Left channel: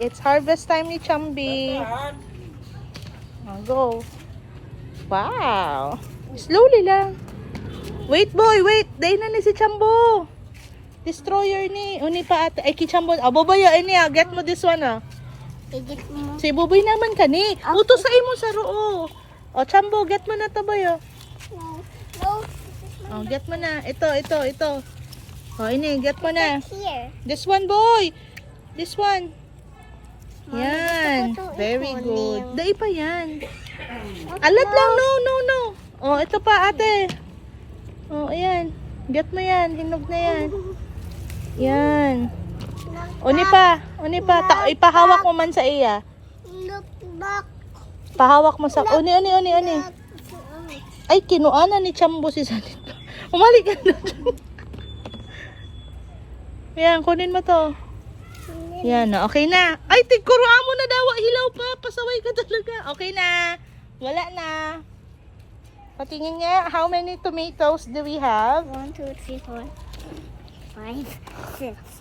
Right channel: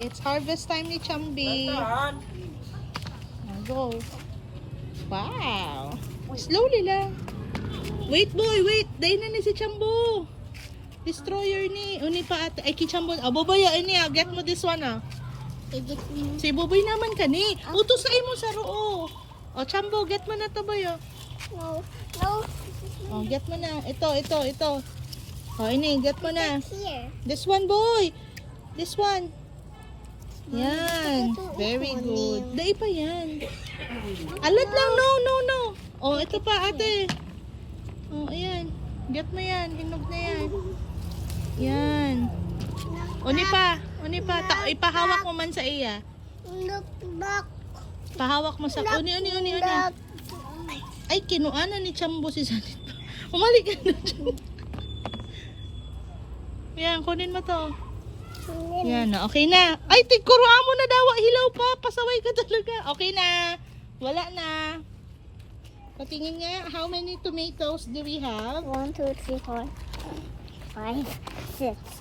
It's harvest time ni Chambi. Go. Wow. Slowly lang. Wait boy, wait. Day na ni si Chambo. Destroyer ni. Uni pa ate. Ay, Chambo. Babaya, ini get mo this one Si Buboy naman ka ni. Utos sa imo sa roo. Chambo, get mo na to boy No. get mo na. Ito. Ini, get mo na. Here. This one boy. This one. Yan. Very good. Dai pa yan. Alat lang. No. Ito pa ate. Ayan. Get mo yan. Hinog na yan. Yan. Uni pa. Ipahawak mo man sa iya. Look back. Pahawak mo sa... Uni. Ay, kinuana ni Chambo si Sanit. Umali ka na. Yan, kunin mo to. Yan, okay na. Ay, tigkuruan mo na daw. Hilaw pa. Pasaway ka talaga. Okay na. Wala na. Patingin nga, how many tomatoes do we have? 1, 2, 3, 4, 5, 6.